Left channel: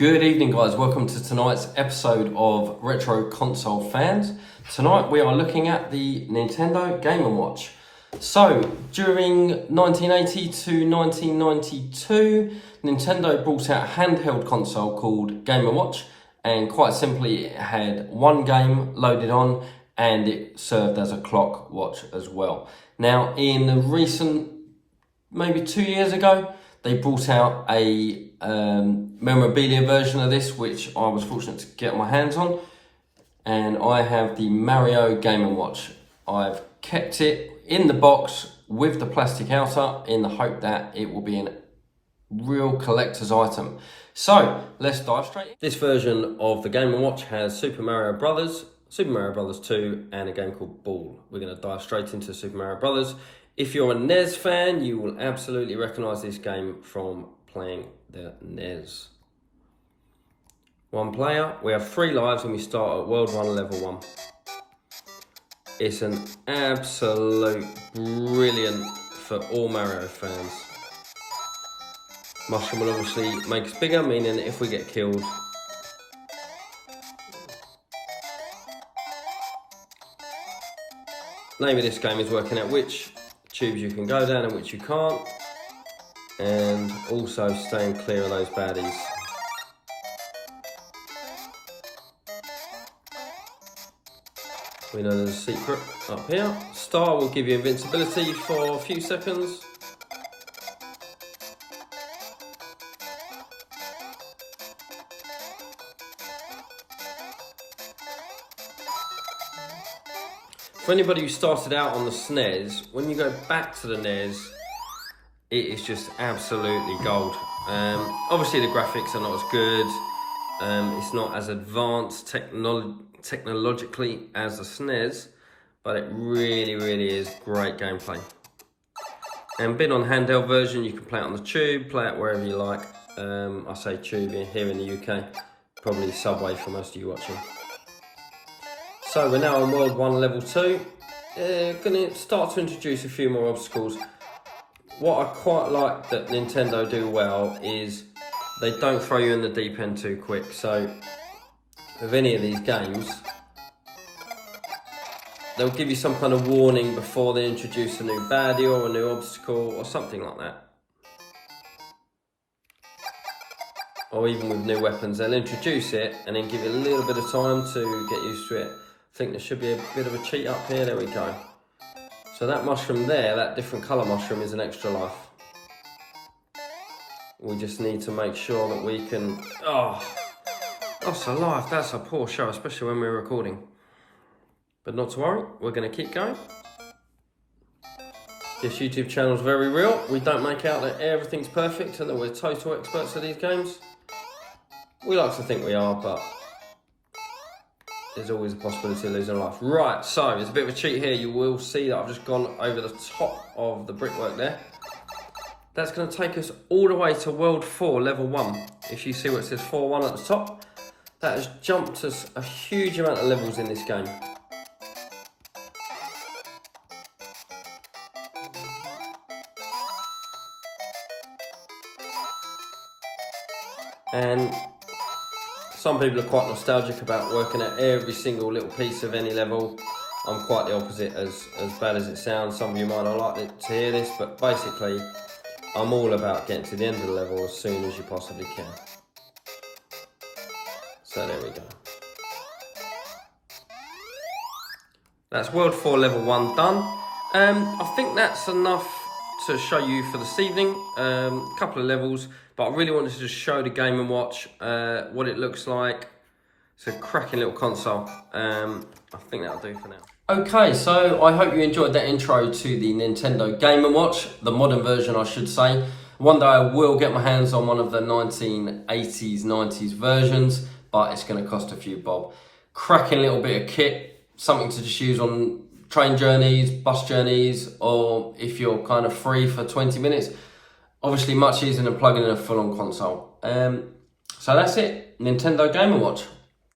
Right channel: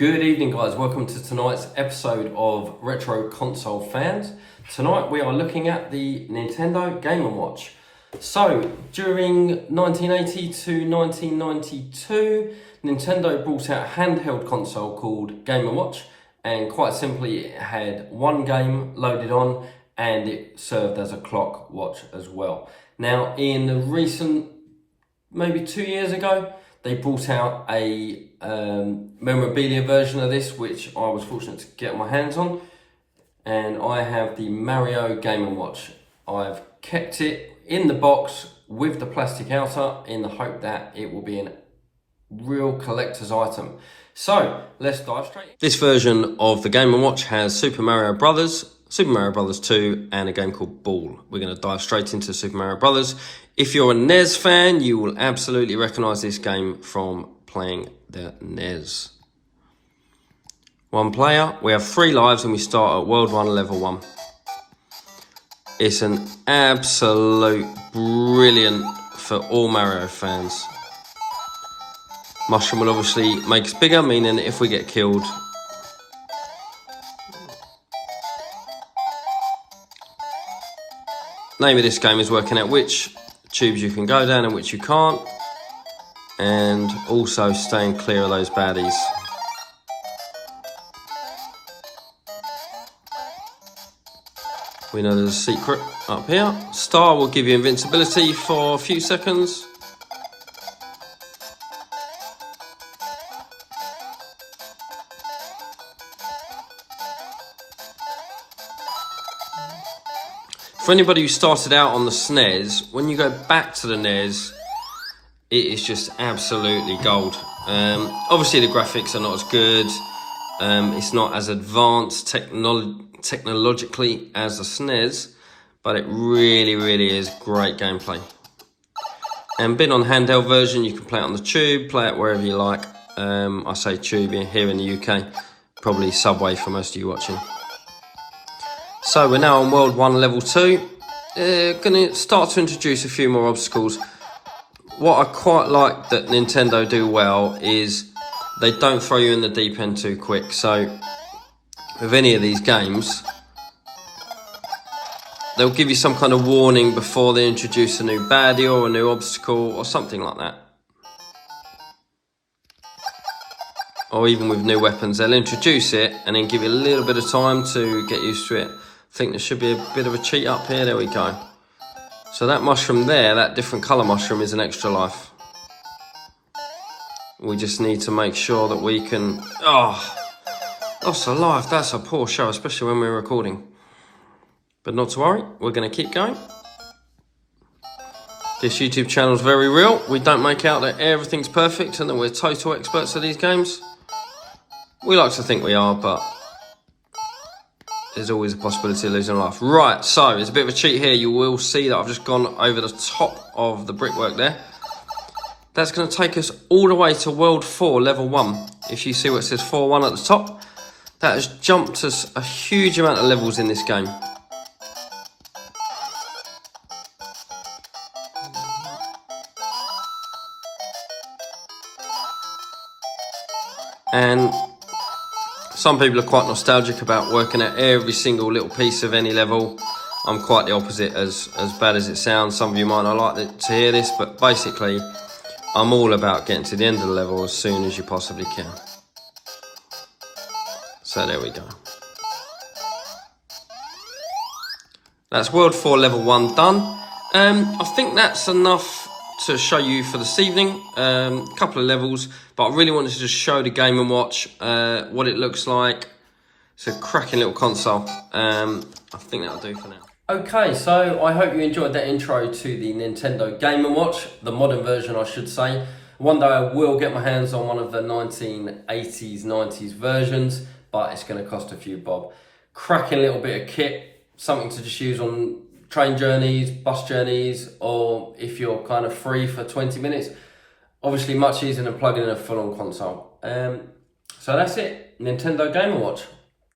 Good evening, guys. Welcome to tonight's episode of Retro Console Fans. Tonight we are looking at the Nintendo Game & Watch. So, during 1980 to 1992, Nintendo brought out a handheld console called Game & Watch, and quite simply it had one game loaded on and it served as a clock watch as well. Now, in the recent, maybe 2 years ago, they brought out a memorabilia version of this, which I was fortunate to get my hands on, and I have the Mario Game & Watch. I've kept it in the box with the plastic outer in the hope that it will be a real collector's item. So let's dive straight in. This version of the Game & Watch has Super Mario Brothers, Super Mario Brothers 2, and a game called Ball. We're going to dive straight into Super Mario Brothers. If you're a NES fan, you will absolutely recognise this game from playing the NES. One player, we have 3 lives and we start at World 1, Level 1. It's an absolute brilliant for all Mario fans. Mushroom will obviously make us bigger, meaning if we get killed, name of this game is working out which tubes you can go down and which you can't, and also staying clear of those baddies. We know there's a secret up here. Star will give you invincibility for a few seconds. For anybody who started out on the SNES, when you go back to the NES, it is just absolutely gold. Obviously the graphics are not as good. It's not as advanced technologically as the SNES, but it really is great gameplay. And being on handheld version, you can play it on the tube, play it wherever you like. I say tube here in the UK, probably Subway for most of you watching. So we're now on World 1, Level 2. Going to start to introduce a few more obstacles. What I quite like that Nintendo do well is they don't throw you in the deep end too quick. So with any of these games, they'll give you some kind of warning before they introduce a new baddie or a new obstacle or something like that. Or even with new weapons, they'll introduce it and then give you a little bit of time to get used to it. I think there should be a bit of a cheat up here. There we go. So that mushroom there, that different colour mushroom, is an extra life. We just need to make sure that we can... Oh, lost a life. That's a poor show, especially when we're recording. But not to worry, we're going to keep going. This YouTube channel is very real. We don't make out that everything's perfect and that we're total experts at these games. We like to think we are, but there's always a possibility of losing a life. Right, so there's a bit of a cheat here. You will see that I've just gone over the top of the brickwork there. That's going to take us all the way to World 4, Level 1. If you see what it says 4-1 at the top, that has jumped us a huge amount of levels in this game. And some people are quite nostalgic about working at every single little piece of any level. I'm quite the opposite, as bad as it sounds. Some of you might not like to hear this, but basically, I'm all about getting to the end of the level as soon as you possibly can. So there we go. That's World 4 Level 1 done. I think that's enough to show you for this evening. A couple of levels, but I really wanted to just show the Game & Watch, what it looks like. It's a cracking little console. I think that'll do for now. Okay, so I hope you enjoyed that intro to the Nintendo Game & Watch, the modern version I should say. One day I will get my hands on one of the 1980s, 90s versions, but it's going to cost a few bob. Cracking little bit of kit, something to just use on train journeys, bus journeys, or if you're kind of free for 20 minutes. Obviously much easier than plugging in a full-on console. So that's it, Nintendo Game & Watch.